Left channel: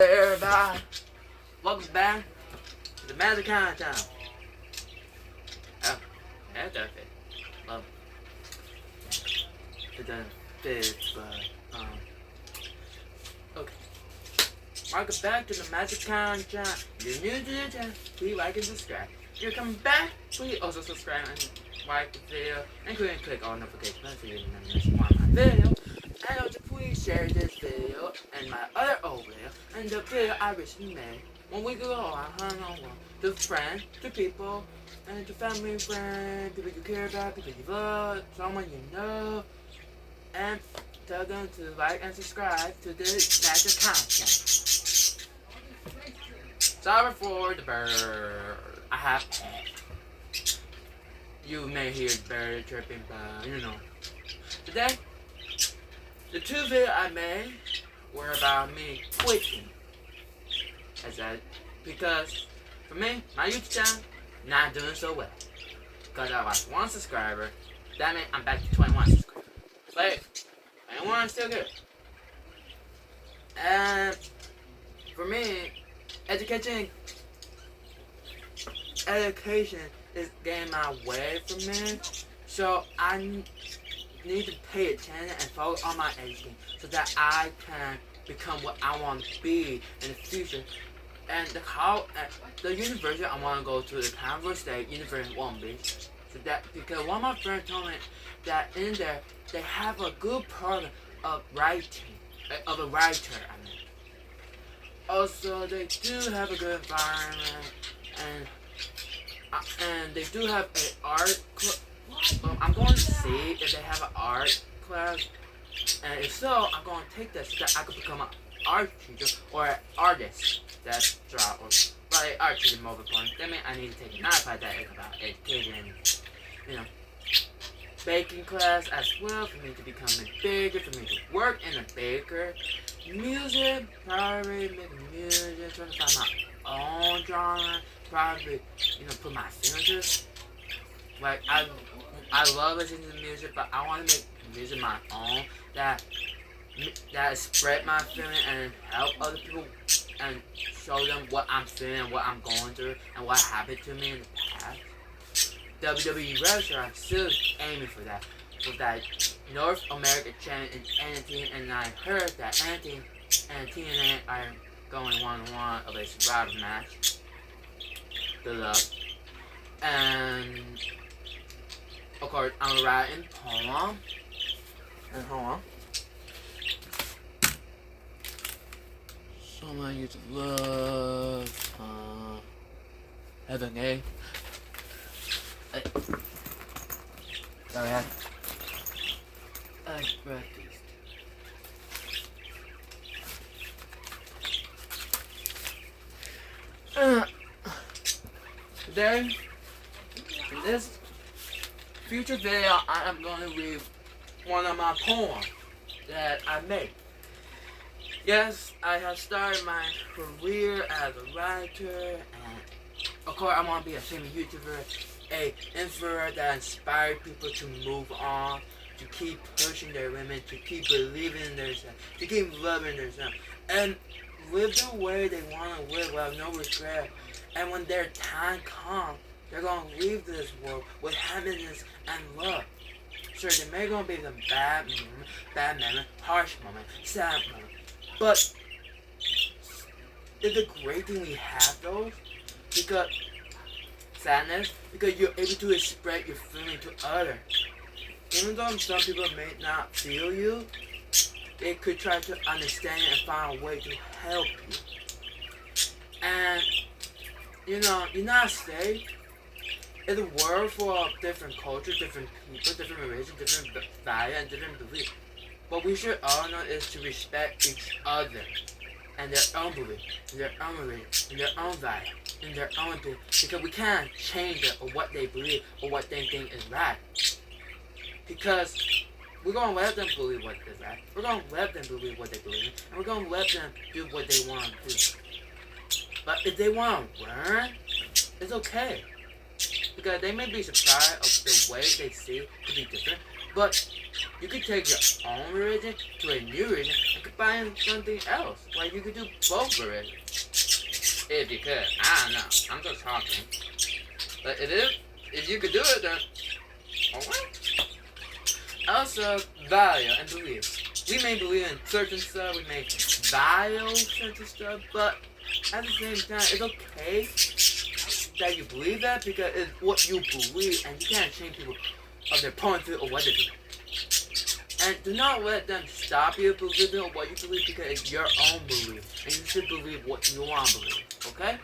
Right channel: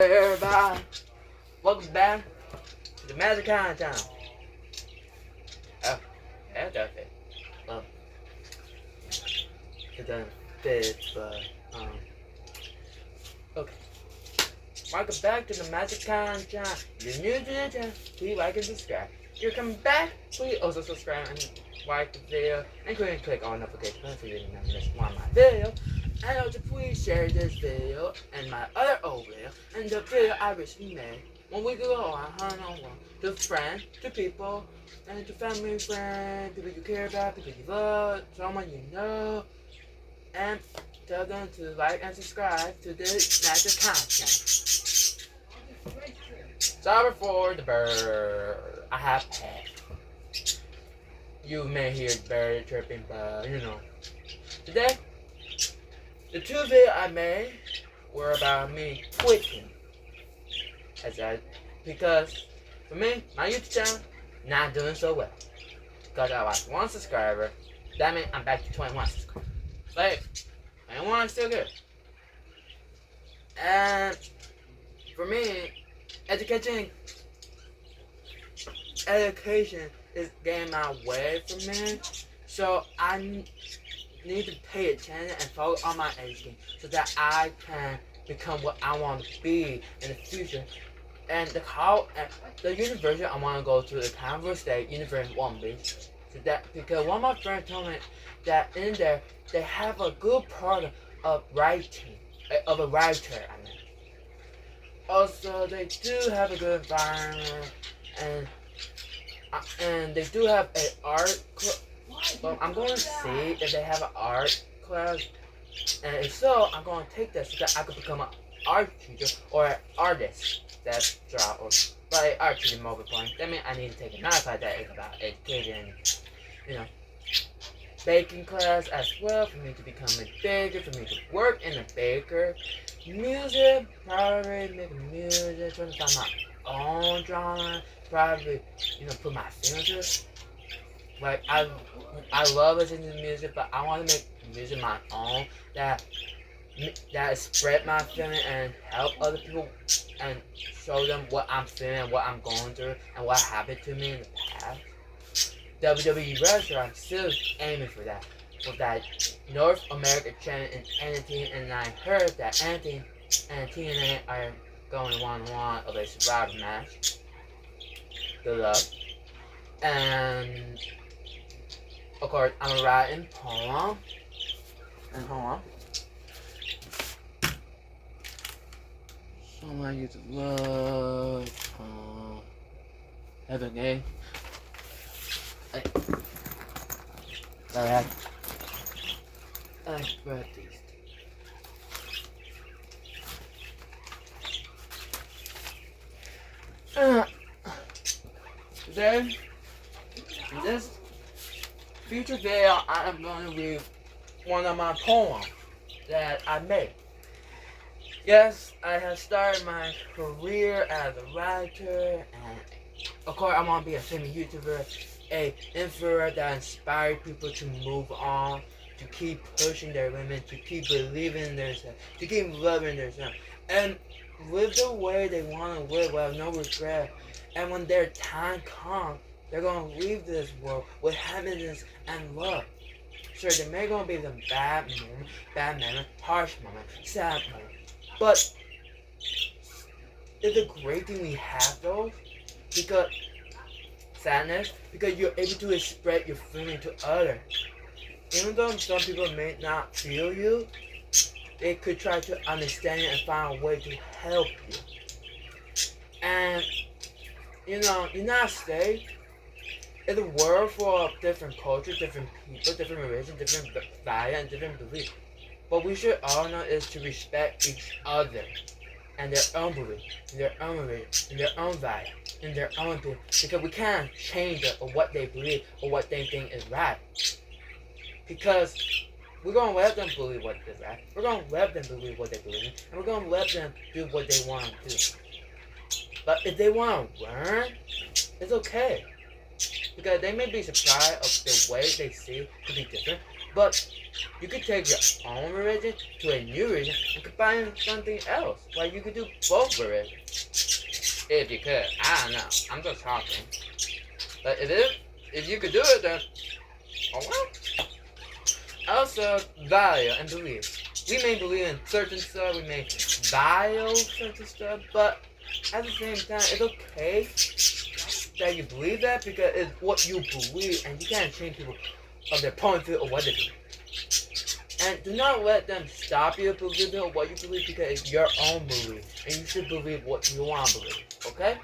Everybody, welcome back to the Magic Kind of Time. Oh, that's okay. Well, it doesn't fit, but, okay. Welcome back to the Magic Kind of Time. If you're new to the channel, please like and subscribe. If you're coming back, please also subscribe and like the video, and click on notification button so you never miss one of my videos. And also please share this video and my other old video and the video I recently made 1 week ago on one to friends, to people, and to family, friends, people you care about, people you love, someone you know, and tell them to like and subscribe to this magic content. Sorry for the bird. I have pet. You may hear the bird chirping, but you know. Today, the two videos I made were about me quitting. Because for me, my YouTube channel not doing so well. Because I lost 1 subscriber. That means I'm back to 21 subscribers. But 21 is still good. And for me, education is getting my way for me. So I need to pay attention and focus on my education so that I can become what I want to be in the future. And the university I want to go to, the Converse State University in Long Beach. So that because one of my friends told me that in there they have a good program of writing, of a writer. I mean, also they do have a good environment, and they do have a art club. I'm going to see if they have an art class, and if so, I'm going to take that so that I could become an art teacher or an artist. That's right, or like art teacher mobile point. That means I need to take another class that is about education and, baking class as well for me to become a baker, for me to work in a baker. Music, probably making music, trying to find my own genre, probably, put my signatures. Like I love listening to music, but I want to make music my own that spread my feeling and help other people and show them what I'm feeling, what I'm going through, and what happened to me in the past. WWE wrestler, I'm still aiming for that. For that North America channel in NXT, and I heard that NXT and TNA are going 1-1 of a survivor match. Good luck. And of course, I'm writing poem. And hold on. Someone I used to love. Heaven, eh? Hey. Sorry, I brought these. Today, in this future video, I am going to read one of my poems that I made. Yes, I have started my career as a writer, and of course I want to be a famous YouTuber, a influencer that inspires people to move on, to keep pushing their limits, to keep believing in themselves, to keep loving themselves, and live the way they want to live without no regret. And when their time comes, they're going to leave this world with happiness and love. Sure, there may going to be some bad moment, harsh moment, sad moment. But it's a great thing we have those, because sadness, because you're able to spread your feeling to others. Even though some people may not feel you, they could try to understand it and find a way to help you. And United States is a world full of different cultures, different people, different religions, different values, and different beliefs. What we should all know is to respect each other and their own belief, and their own religion, and their own value, and their own opinion. Because we can't change it or what they believe or what they think is right. Because we're going to let them believe what is right. We're going to let them believe what they believe in. And we're going to let them do what they want to do. But if they want to learn, it's okay. Because they may be surprised of the way they see to be different. But You could take your own religion to a new religion and combine something else. Like you could do both religions. If you could. I don't know. I'm just talking. But if you could do it, then oh well. Also, value and belief. We may believe in certain stuff, we may value certain stuff, but at the same time, it's okay that you believe that because it's what you believe and you can't change people of their point of view or what they believe. And do not let them stop you believing or what you believe because it's your own belief. And you should believe what you want to believe. Okay?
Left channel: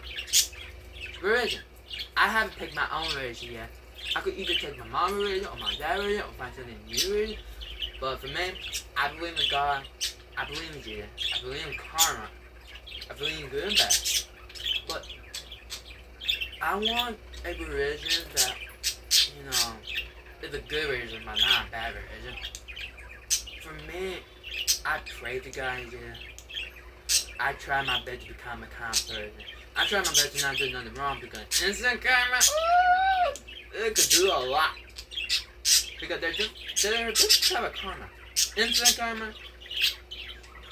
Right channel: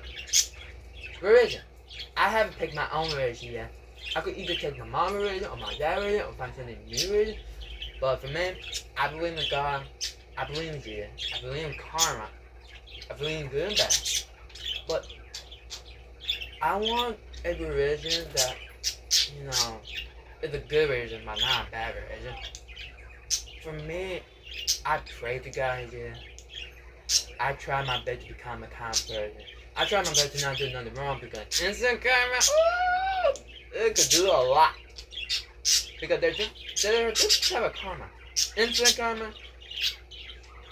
Religion. I haven't picked my own religion yet. I could either take my mom's religion or my dad's religion or find something new religion. But for me, I believe in God. I believe in Jesus. I believe in karma. I believe in good and bad. But I want a religion that, is a good religion, but not a bad religion. For me, I pray to God here. I try my best to become a kind person. I try my best to not do nothing wrong because instant karma, it could do a lot. Because they're just type of karma. Instant karma,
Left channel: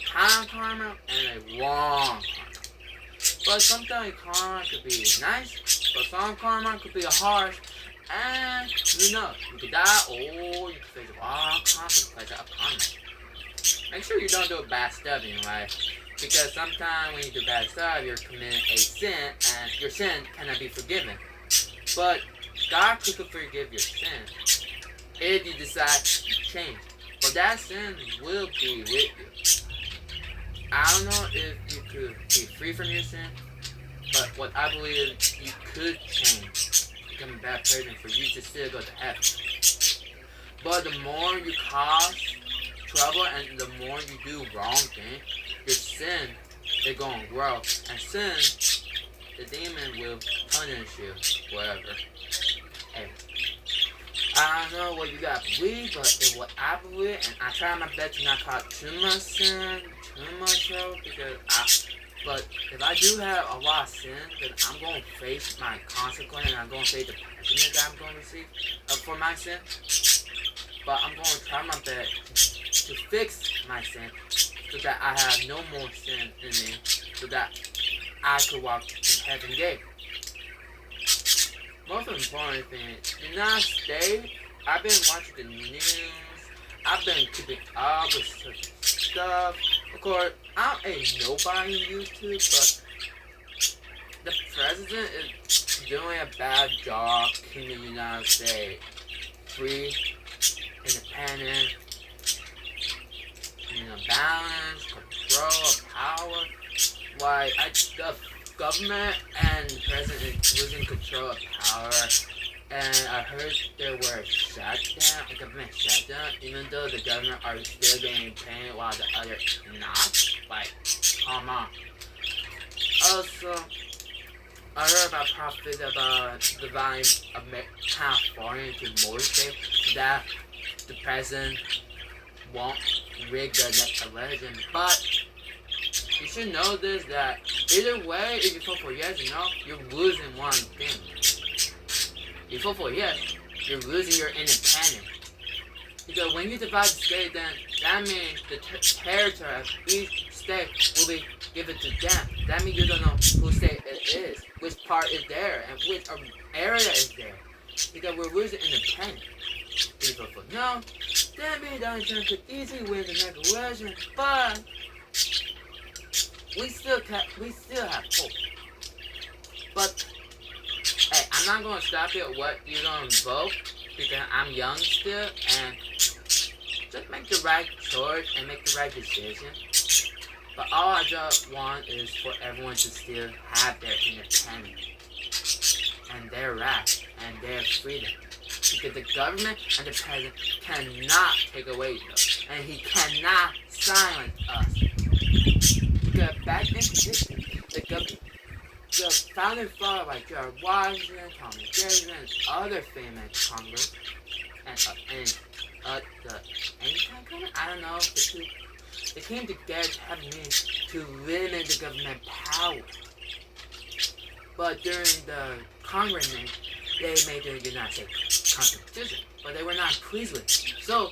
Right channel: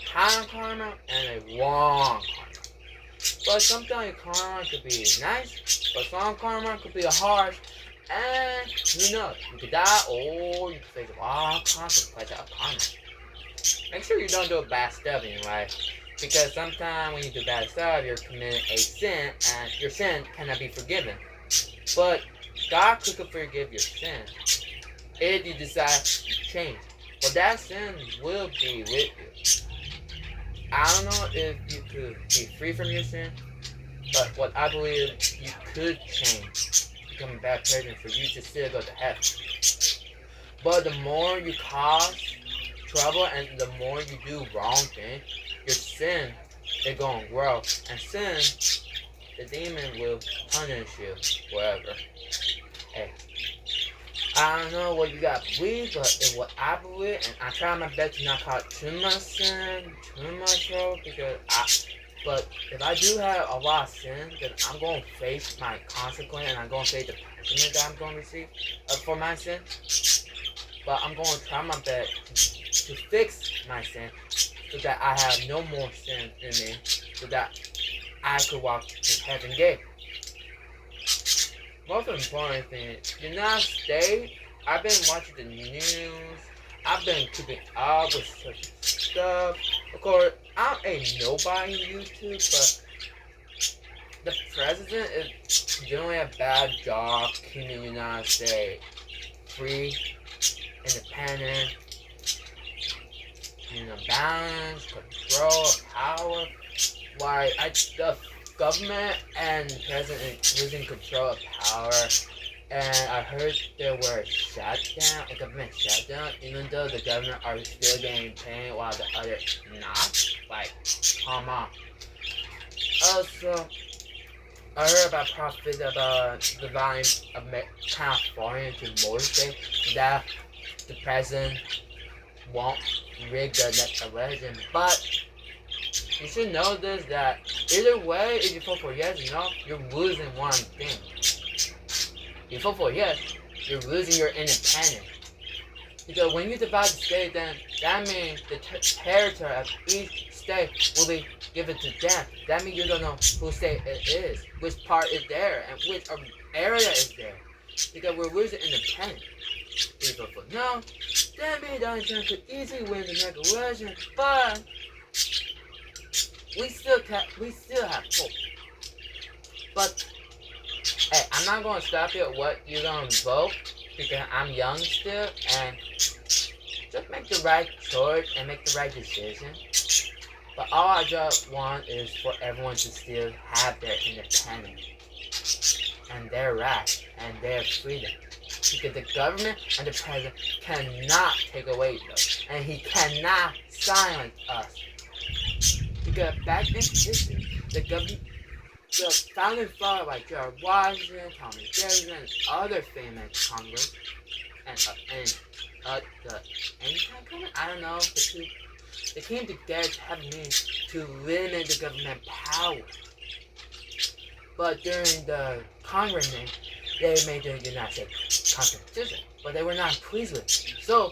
time karma, and a wrong karma. But sometimes karma could be nice, but some karma could be harsh. And who knows? You could die or you could face a wrong consequence of karma. Make sure you don't do bad stuff anyway. Because sometimes when you do bad stuff, you're committing a sin and your sin cannot be forgiven. But God could forgive your sin if you decide to change. But that sin will be with you. I don't know if you could be free from your sin, but what I believe is you could change, become a bad person for you to still go to heaven. But the more you cause trouble and the more you do wrong things, your sin is going to grow. And sin, the demon will punish you forever. Hey, I don't know what you got to believe, but it's what I believe, and I try my best to not cause too much sin, too much trouble, but if I do have a lot of sin, then I'm going to face my consequence, and I'm going to face the punishment that I'm going to receive for my sin. But I'm going to try my best to fix my sin, so that I have no more sin in me, so that I could walk in heaven gate. Most important thing, United States, I've been watching the news, I've been keeping up with such stuff. Of course, I'm a nobody on YouTube, but the president is doing a bad job keeping the United States free, independent, balance, control, power. Like, the government and the president is losing control of power. And I heard there were a government shutdown, even though the government are still getting paid while the other not. Like, come on. Also, I heard about profit about the volume of California to more states that the president won't rig the next election, but you should know this, that either way, if you vote for yes or no, you're losing one thing. You vote for yes, you're losing your independence. Because when you divide the state, then that means the territory of each state will be given to them. That means you don't know whose state it is, which part is there, and which area is there. Because we're losing independence. If you vote for no, that means Donald Trump could easily win the next election, but we still have hope. But hey, I'm not gonna stop you at what you're gonna vote because I'm young still, and just make the right choice and make the right decision. But all I just want is for everyone to still have their independence and their rights and their freedom. Because the government and the president cannot take away those, and he cannot silence us. Because back in history, the founding fathers like George Washington, Thomas Jefferson, and other famous Congress, and the anti-Congress, I don't know, they came together to have a meeting to limit the government power. But during the Congress meeting, they made the United States Constitution, but they were not pleased with it. So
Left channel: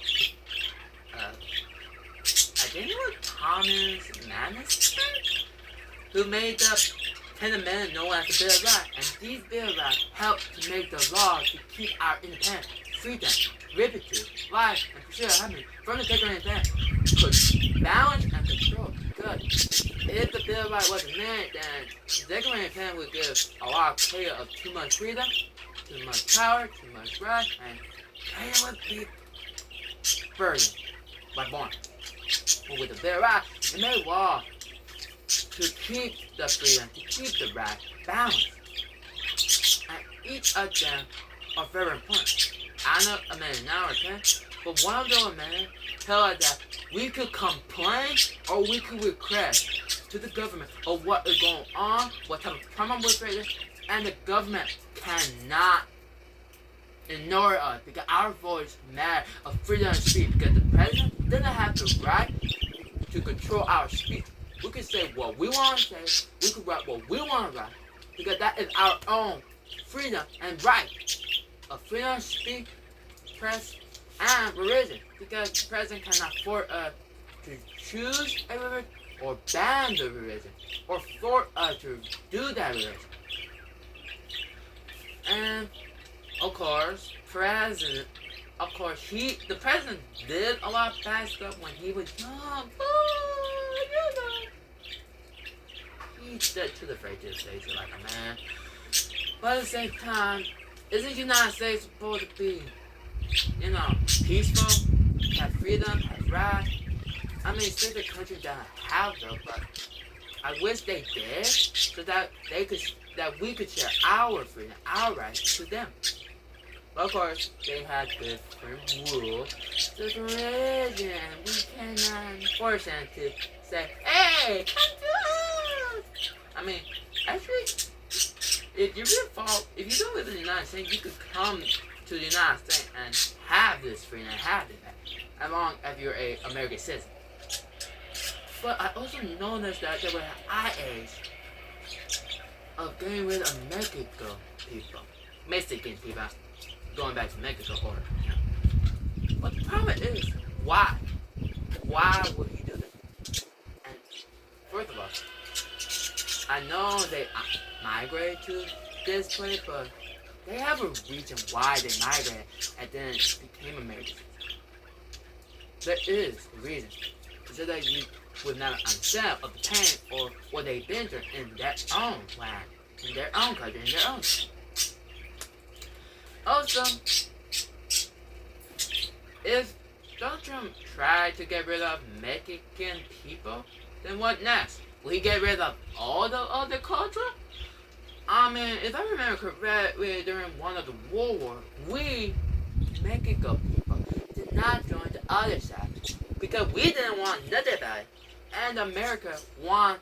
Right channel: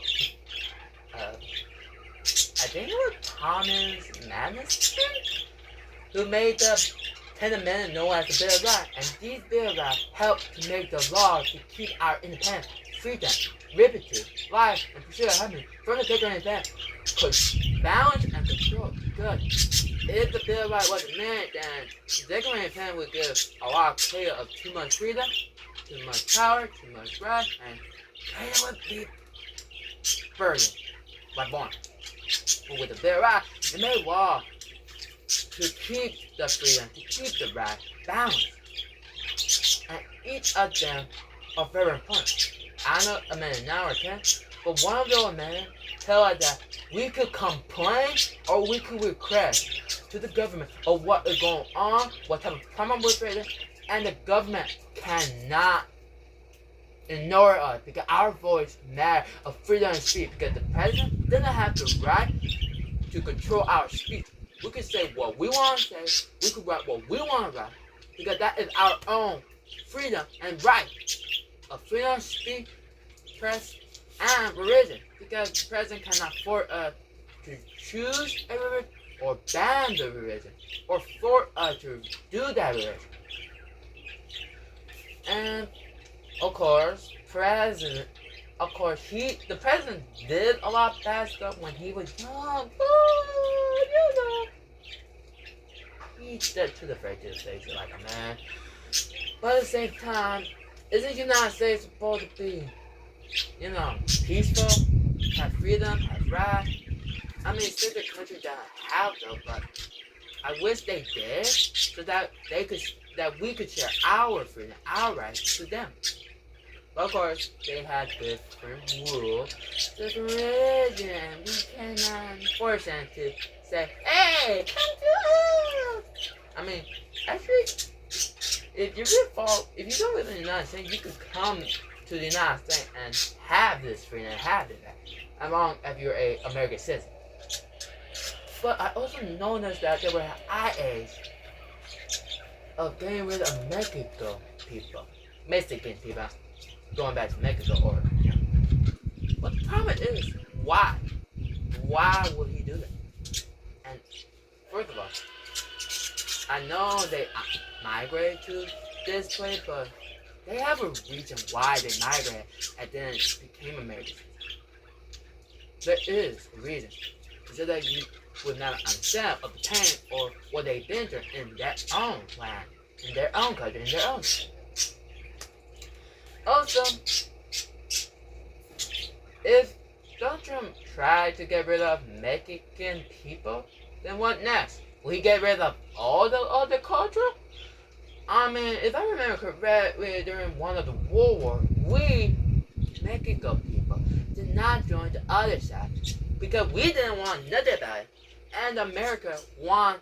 I think it was Thomas Madison who made the 10 Amendment known as the Bill of Rights, and these Bill of Rights helped to make the law to keep our independence, freedom, liberty, life, and pursuit of happiness from the federal independence. Could balance and control. Good. If the Bill of Rights wasn't there, then the Declaration of Independence would give a lot of chaos of too much freedom, too much power, too much right, and chaos would be burdened by born. But with the Bill of Rights, it made law to keep the freedom, to keep the right balance. And each of them are very important. I know amendment 9 or 10, but one of those amendments tell us that we could complain or we could request to the government of what is going on, what type of problem we're facing, and the government cannot ignore us because our voice matters of freedom of speech, because the president doesn't have the right to control our speech. We can say what we want to say, we can write what we want to write, because that is our own freedom and right of freedom of speech, press, and religion. Because the president cannot force us to choose a religion or ban the religion or force us to do that religion. And of course, the president did a lot of bad stuff when he was young. He stood to the face like a man. But at the same time, isn't the United States supposed to be, peaceful, have freedom, have rights? I mean, since the country doesn't have those, but I wish they did, so that we could share our freedom, our rights to them. But of course, they had different rules, different religion. We cannot force them to say, "Hey, come to us." I mean, actually, if you don't live in the United States, you could come to the United States and have this freedom, and have this, as long as you're an American citizen. But I also noticed that there was an age of getting rid of Mexican people, going back to Mexico, But the problem is, why? Why would he do that? And first of all, I know they migrated to this place, but they have a reason why they migrated and then became Americans. There is a reason, so that you would not understand of the pain or what they've been through in their own land, in their own country, in their own. Also, if Donald Trump tried to get rid of Mexican people, then what next? Will he get rid of all the other culture? I mean, if I remember correctly, during one of the World War, we, Mexico people, did not join the other side because we didn't want nothing about it. And America wanted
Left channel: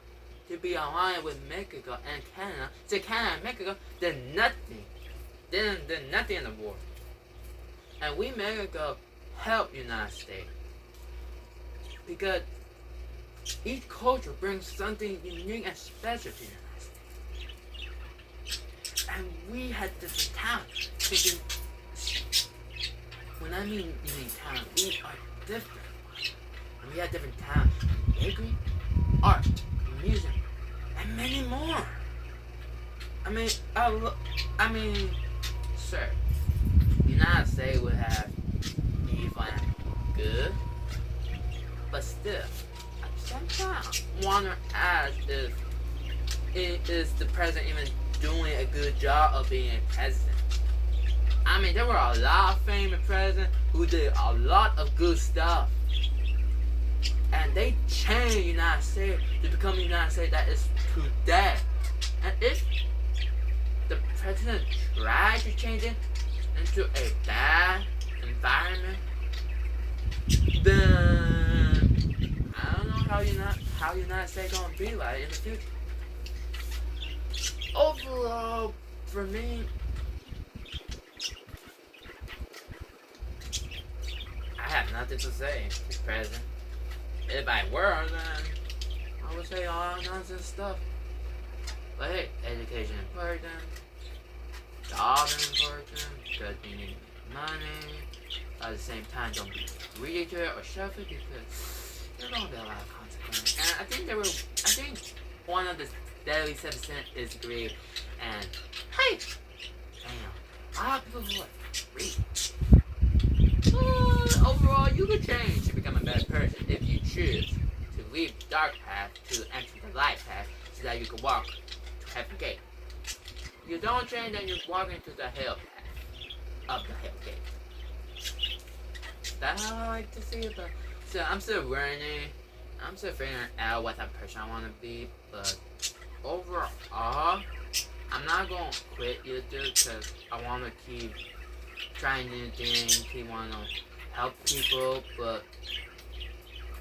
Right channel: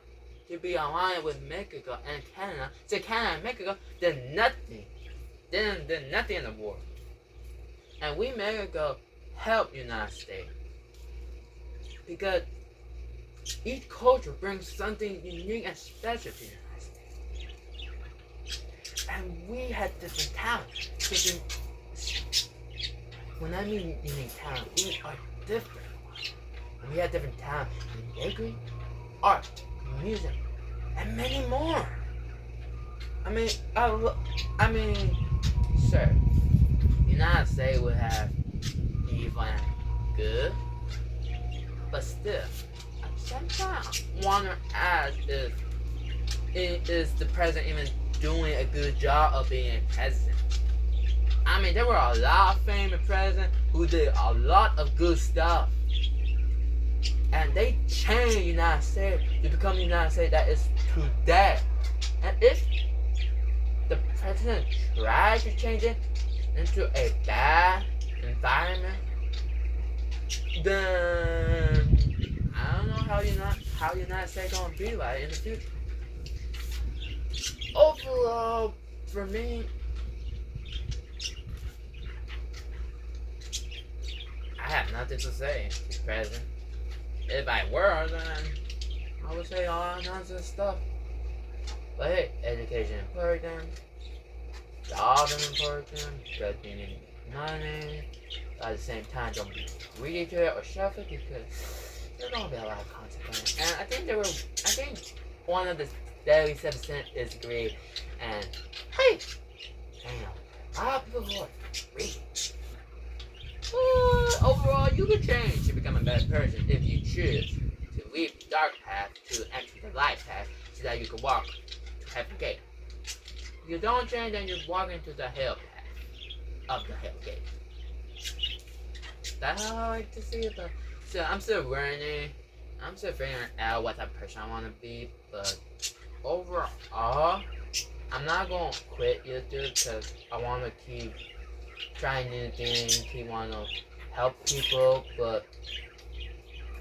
to be aligned with Mexico and Canada. So Canada and Mexico did nothing. Did nothing in the war. And we, Mexico, helped the United States. Because each culture brings something unique and special to the United States. And we had different talents. When I mean unique talent, we are different. And we have different talents in bakery, art, music, and many more. Sir, the United States would have evil and good, but still, sometimes I wonder if is the president even doing a good job of being president. I mean, there were a lot of famous presidents who did a lot of good stuff. And they changed the United States to become the United States that is today. And if the president tried to change it into a bad environment, then I don't know how United States gonna be like in the future. Overall, for me, I have nothing to say, President. If I were, then I would say a lot of nonsense stuff. But hey, education is important, job is important, because you need money, But at the same time, don't be greedy to it or shove it because there's gonna be a lot of consequences. And I think one of the deadly 7% is greed. And hey, damn, a lot of people who are greedy. But overall, you can change to become a better person if you choose to leave the dark path to enter the light path so that you can walk to heaven gate. If you don't change, then you're walking to the hell path of the hell gate. That's how I like to see it, but so I'm still learning. I'm still figuring out what type of person I want to be, but overall, I'm not going to quit YouTube because I want to keep trying new things, keep wanting to help people, but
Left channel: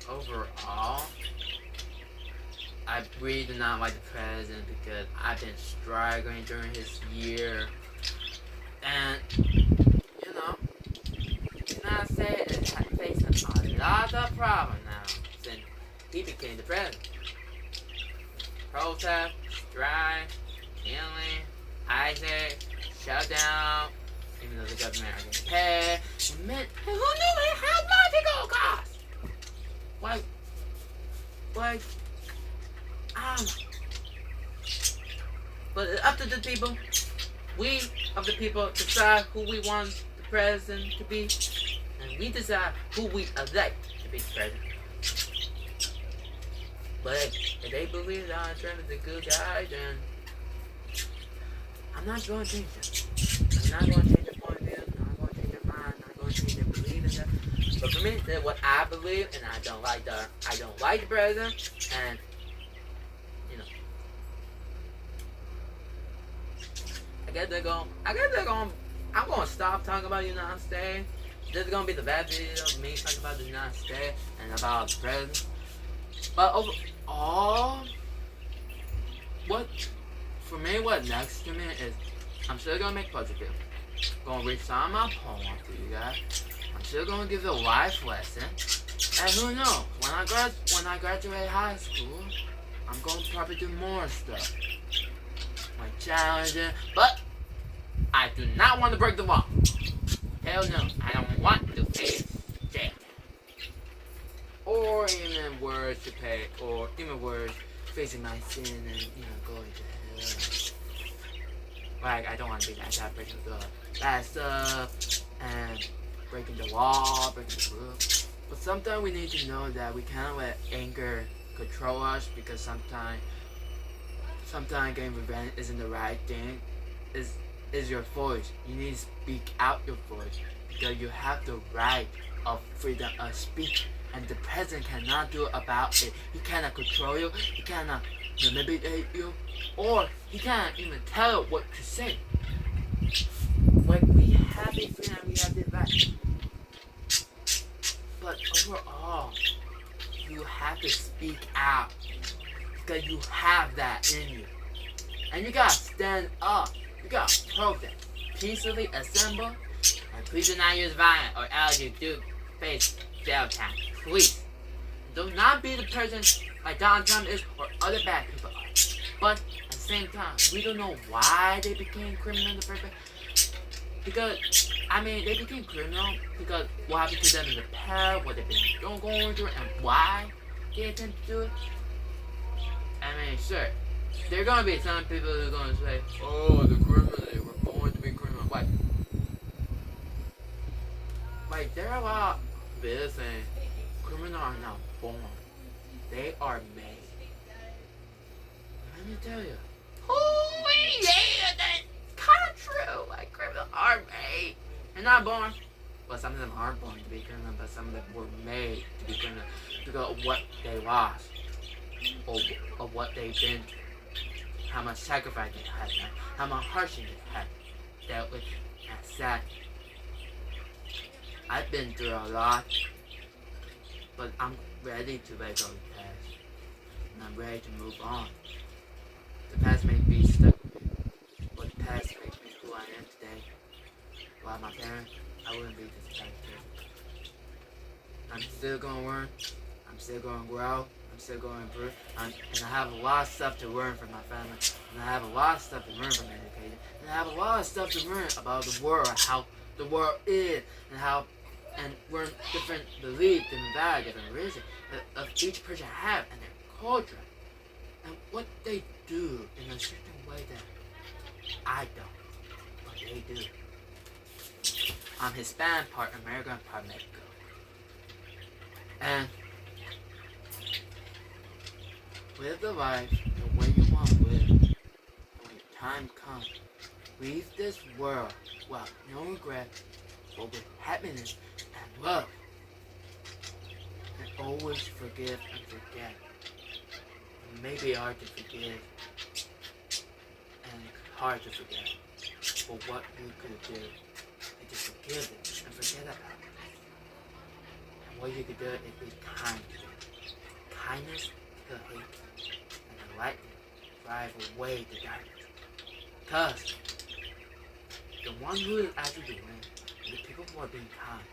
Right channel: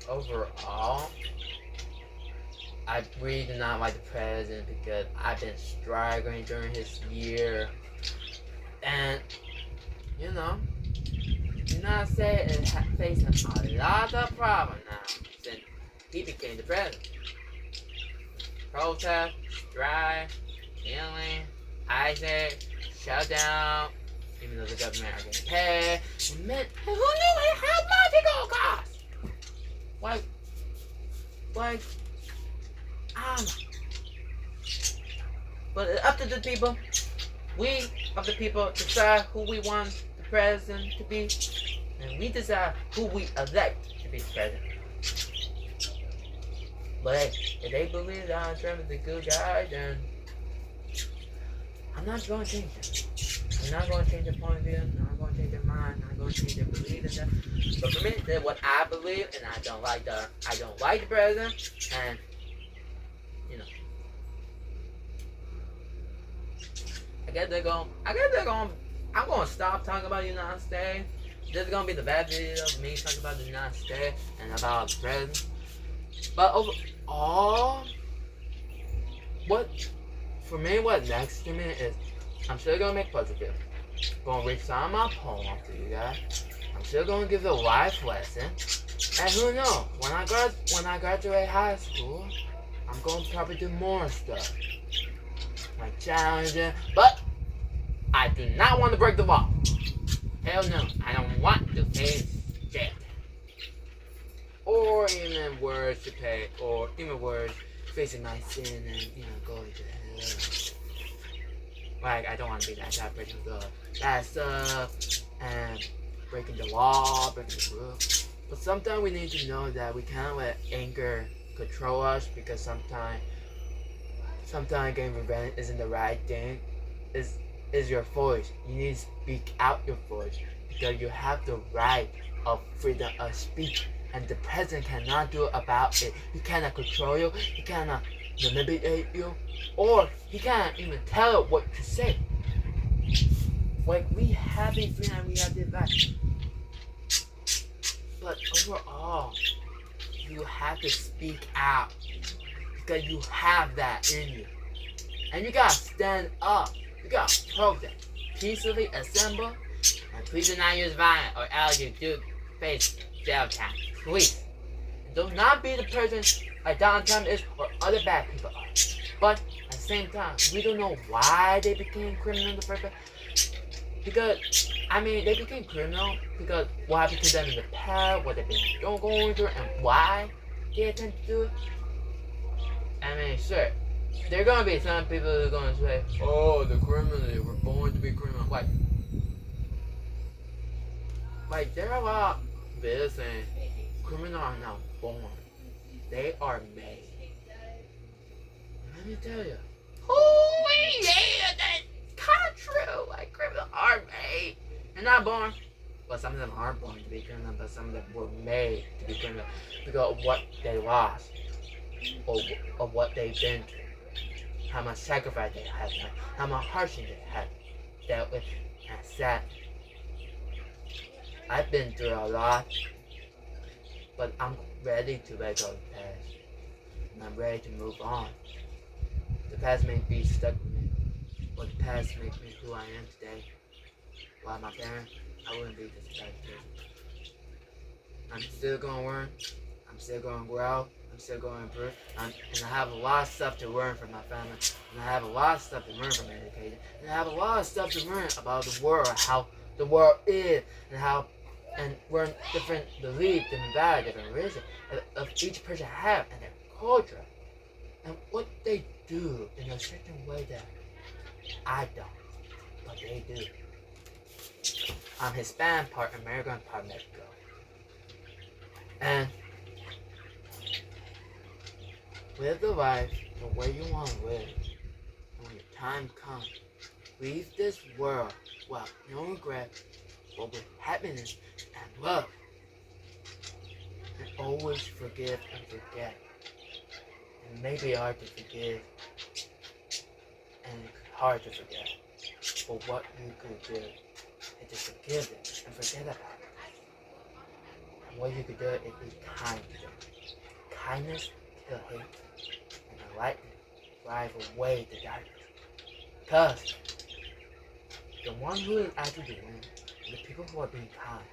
overall, I really do not like the president because I've been struggling during his year, and you know, the United States is facing a lot of problems now since he became the president. Protest, strike, killing, Isaac, shutdown, even though the government are getting paid. And man, who knew how much it gonna cost? Why, but it's up to the people. We of the people decide who we want the president to be, and we decide who we elect to be the president. But if they believe Donald Trump is a good guy, then I'm not going to change them. I'm not going to change their point of view. I'm not going to change their mind. I'm not going to change their belief in that. But for me, that's what I believe, and I don't like the president, and you know, I'm going to stop talking about the United States. This is going to be the bad video of me talking about the United States and about the president. But overall, what next to me is, I'm still going to make positive. Going to read some of my poems to you guys. I'm still going to give a life lesson. And who knows, when I graduate high school, I'm going to probably do more stuff. Like challenging, but I do not want to break the law. Hell no, I don't want to face jail. Or even worse to pay, or even worse, facing my sin and, going to hell. Like, I don't want to be that type of person who does bad stuff and breaking the law, breaking the rules. But sometimes we need to know that we can't let anger control us because sometimes getting revenge isn't the right thing. Is your voice. You need to speak out your voice because you have the right of freedom of speech. And the president cannot do about it. He cannot control you. He cannot manipulate you. Or he cannot even tell you what to say. When we have the freedom, we have the right. But overall, you have to speak out. Because you have that in you. And you gotta stand up. You gotta protest. Peacefully assemble. And please do not use violence or else you do face jail time. Please, do not be the person like Donald Trump is or other bad people are. But at the same time, we don't know why they became criminal in the first place. Because, they became criminal because what happened to them in the past, what they've been going through, and why they attempt to do it. Sure, there are going to be some people who are going to say, oh, the criminal, they were born to be criminal. Like, there are a lot of videos saying, criminals are not born. They are made. Let me tell you. Holy yeah, that's kind of true. Like, criminals are made. They're not born. Well, some of them are born to be criminal, but some of them were made to be criminal because of what they lost. Or of what they've been through. How much sacrifice they had done. How much hardship they had dealt with. And sad. I've been through a lot. But I'm ready to let go of the past. And I'm ready to move on. The past may be stuck with me. But the past makes me who I am today. Without my parents, I wouldn't be this type of person. I'm still going to learn. I'm still going to grow. I'm still going to improve. And I have a lot of stuff to learn from my family. And I have a lot of stuff to learn from education. And I have a lot of stuff to learn about the world. How the world is. And how and we're different beliefs, different values, different religion of each person have and their culture and what they do in a certain way that I don't, but they do. I'm Hispanic, part American, part Mexico, and live the life the way you want to live. And when your time comes, leave this world without no regret, but with happiness and love. And always forgive and forget. It may be hard to forgive and hard to forget, but what you could do is just forgive it and forget about it. And what you could do is be kind to them. Kindness kill hate, and the light drive away the darkness. Because the one who is actually the winner is the people who are being kind,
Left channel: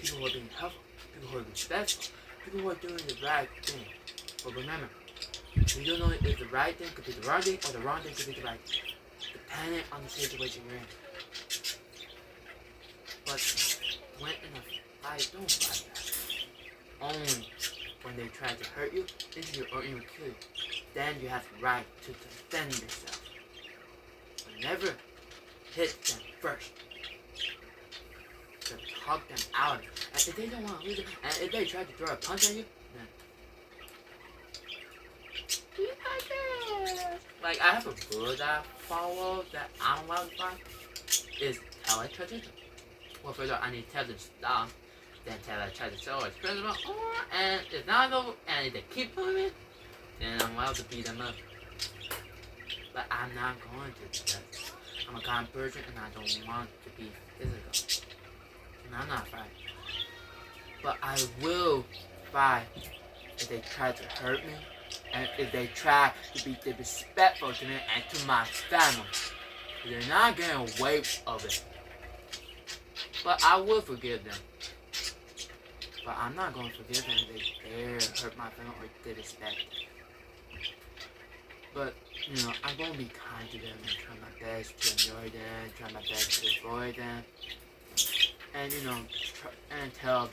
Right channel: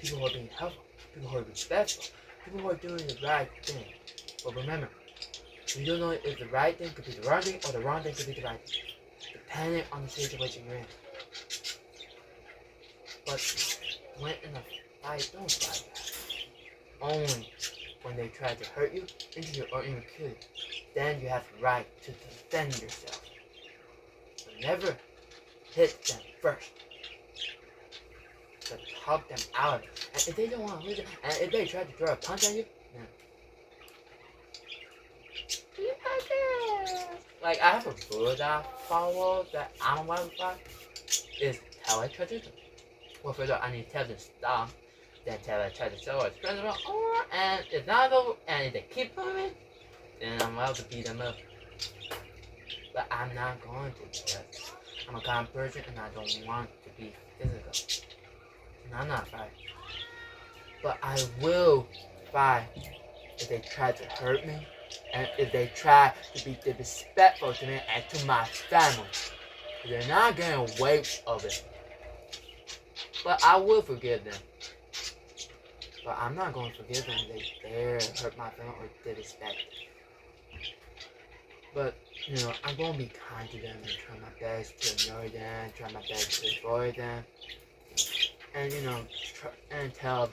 people who are being helpful, people who are respectful, people who are doing the right thing. But remember, you don't know if the right thing could be the wrong thing or the wrong thing could be the right thing, depending on the situation you're in. But when in a fight, don't fight back. Only when they try to hurt you, injure you, or even kill you, then you have the right to defend yourself. But never hit them first. To talk them out of it. And if they don't want to listen, and if they try to throw a punch at you, then like I have a rule that I follow that I'm allowed to fight is tell I try to do. Well, further, I need to tell them stop, then tell I try to show its principle, or and if not over, and if they keep moving, then I'm allowed to beat them up. But I'm not going to because I'm a kind person and I don't want to be physical. And I'm not fighting. But I will fight if they try to hurt me and if they try to be disrespectful to me and to my family. They're not getting away of it. But I will forgive them. But I'm not going to forgive them if they dare hurt my family or disrespect them. But, I'm going to be kind to them and try my best to annoy them, try my best to avoid them. And, and tell